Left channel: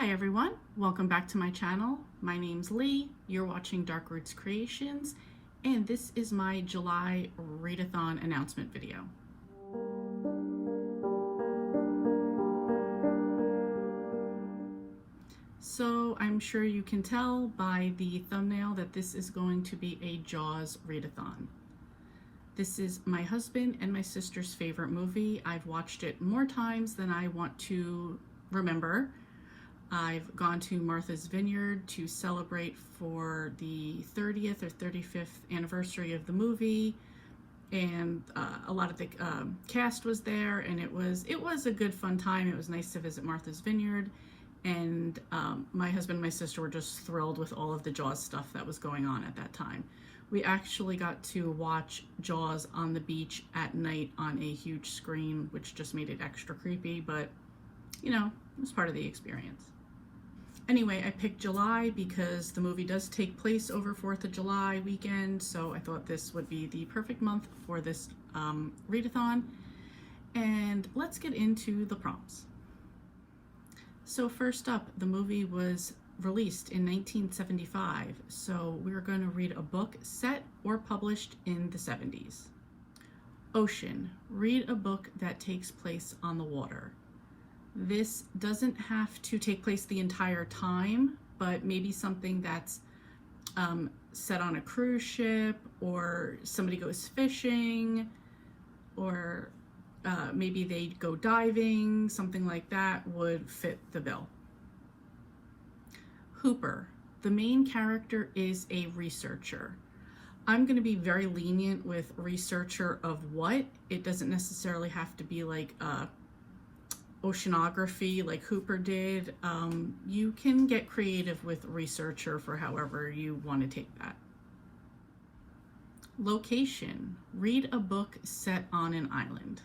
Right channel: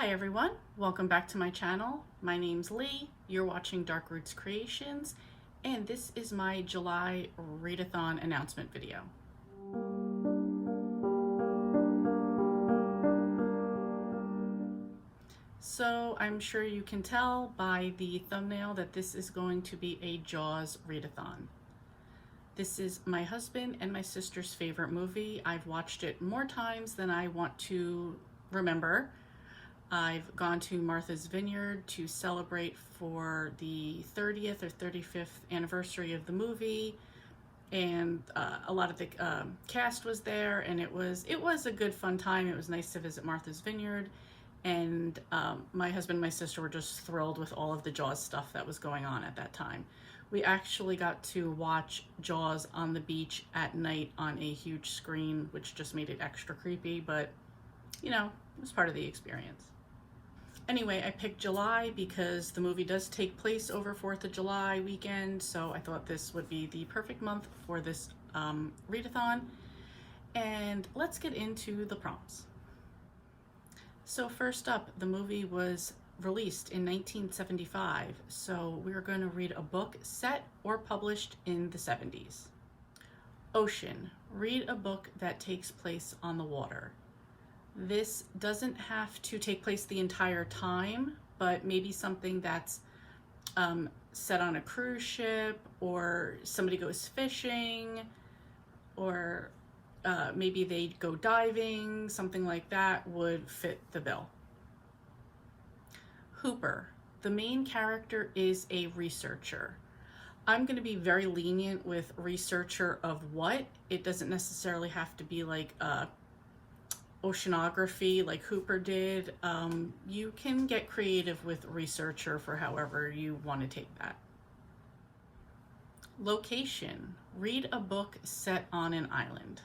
Hi everyone, welcome back to my channel. My name's Lee, you're watching Dark Roots Creations, and this is my July Readathon announcement video. So I'm sure you can tell by the thumbnail that this is going to be a Jaws Readathon. This is my husband and my sister's favorite movie. I've watched it more times than I want to remember. I've gone to Martha's Vineyard to celebrate for the 30th or 35th anniversary of the movie, and a lot of the cast was there, and it was a good fun time. It was nice to visit Martha's Vineyard, and my husband and my sister were just thrilled with all of the Jaws stuff that was going on at that time. We actually got to watch Jaws on the beach at night on a huge screen, which just made it extra creepy, but you know, it was part of the experience. Anyway, I picked July because the movie does take place over 4th of July weekend, so I thought this would be the perfect month for this readathon. And let's get into the prompts. So first up, the movie was released in 1975, so we're going to read a book set or published in the 70s. Ocean, read a book that takes place on the water. This doesn't have to take place the entire time, but maybe something that's set on a cruise ship, or somebody goes fishing, or maybe they go diving, something like that would fit the bill. Hooper, the main character is a researcher. I'm going to be very lenient with researcher of what. It doesn't necessarily have to be like oceanography like Hooper did. You can get creative with researcher for however you want to take that. Location, read a book set on an island.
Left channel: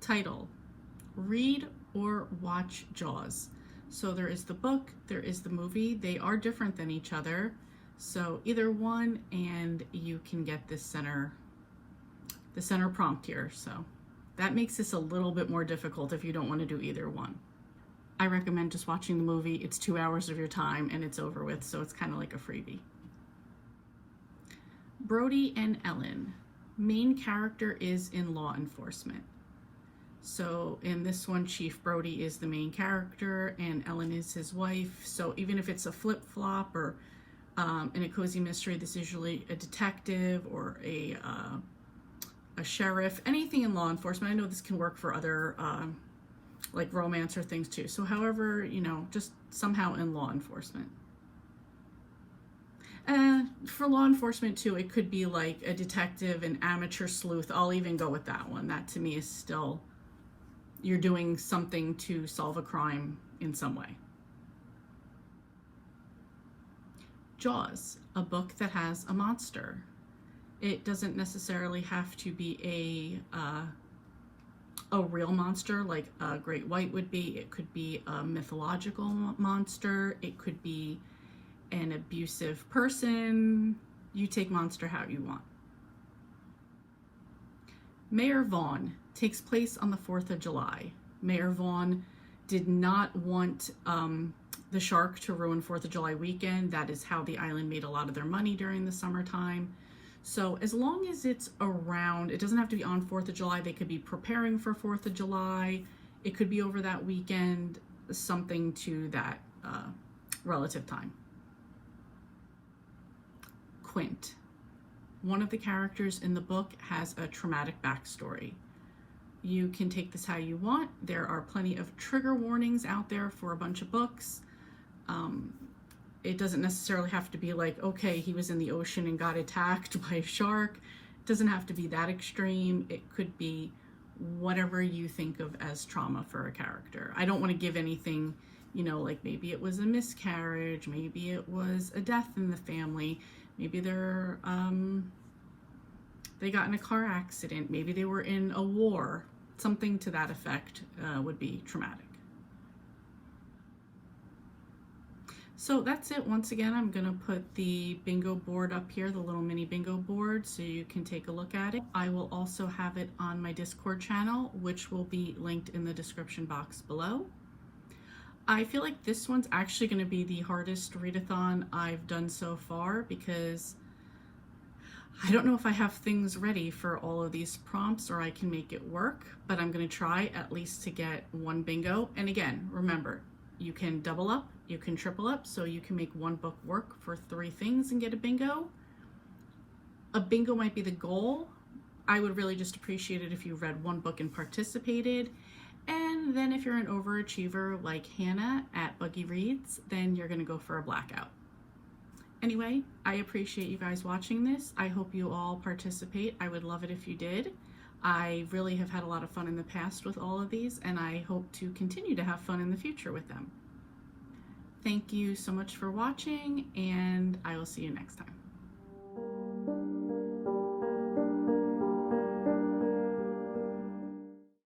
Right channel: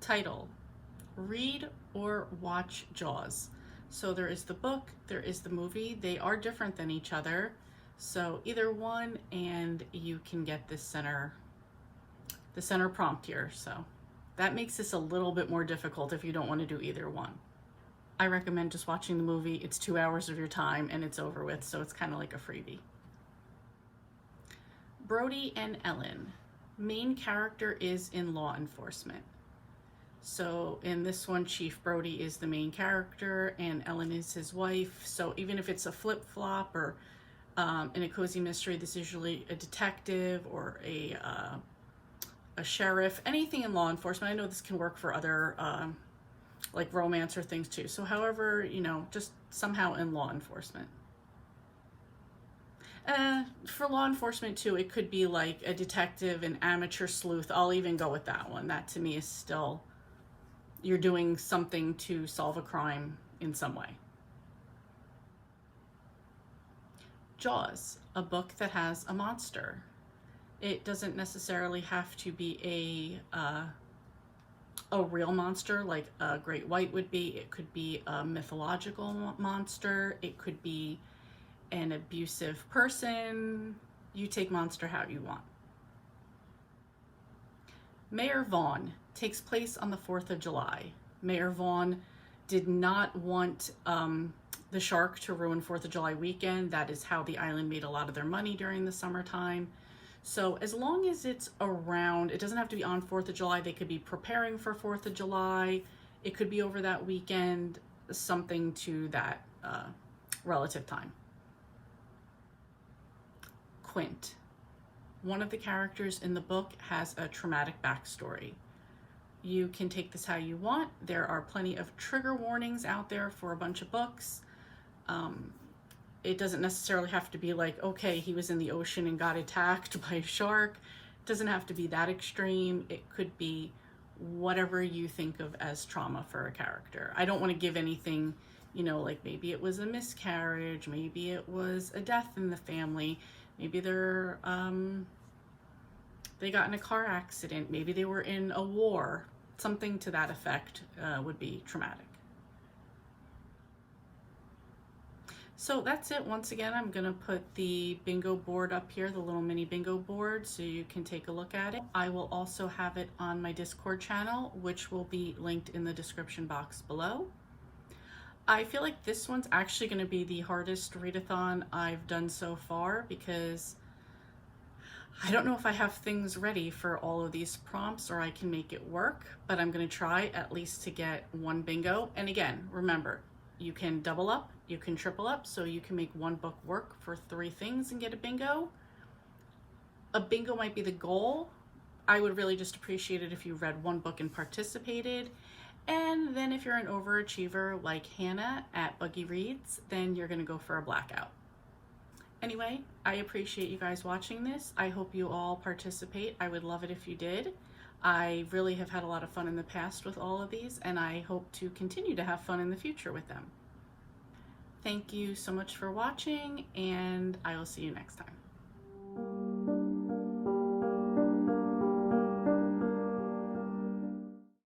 Title, read or watch Jaws. So there is the book, there is the movie. They are different than each other, so either one, and you can get the center prompt here. So that makes this a little bit more difficult if you don't want to do either one. I recommend just watching the movie. It's 2 hours of your time and it's over with, so it's kind of like a freebie. Brody and Ellen, main character is in law enforcement. So in this one, Chief Brody is the main character and Ellen is his wife. So even if it's a flip-flop or in a cozy mystery, this is usually a detective or a sheriff, anything in law enforcement. I know this can work for other like romance or things too. So however, you know, just somehow in law enforcement. For law enforcement too, it could be like a detective, an amateur sleuth. I'll even go with that one. That to me is still, you're doing something to solve a crime in some way. Jaws, a book that has a monster. It doesn't necessarily have to be a real monster like a great white would be. It could be a mythological monster. It could be an abusive person. You take monster how you want. Mayor Vaughn takes place on the 4th of July. Mayor Vaughn did not want the shark to ruin 4th of July weekend. That is how the island made a lot of their money during the summertime. So as long as it's around, it doesn't have to be on 4th of July. They could be preparing for 4th of July. It could be over that weekend, something to that relative time. Quint. One of the characters in the book has a traumatic backstory. You can take this how you want. There are plenty of trigger warnings out there for a bunch of books. It doesn't necessarily have to be like, okay, he was in the ocean and got attacked by a shark. It doesn't have to be that extreme. It could be whatever you think of as trauma for a character. I don't want to give anything, you know, like maybe it was a miscarriage, maybe it was a death in the family, maybe they got in a car accident, maybe they were in a war, something to that effect would be traumatic. So that's it. Once again, I'm going to put the bingo board up here, the little mini bingo board, so you can take a look at it. I will also have it on my Discord channel, which will be linked in the description box below. I feel like this one's actually going to be the hardest readathon I've done so far because I don't know if I have things ready for all of these prompts or I can make it work, but I'm going to try at least to get one bingo. And again, remember, you can double up, you can triple up, so you can make one book work for 3 things and get a bingo. A bingo might be the goal. I would really just appreciate it if you read one book and participated. And then if you're an overachiever like Hannah at Buggy Reads, then you're going to go for a blackout. Anyway, I appreciate you guys watching this. I hope you all participate. I would love it if you did. I really have had a lot of fun in the past with all of these, and I hope to continue to have fun in the future with them. Thank you so much for watching, and I will see you next time.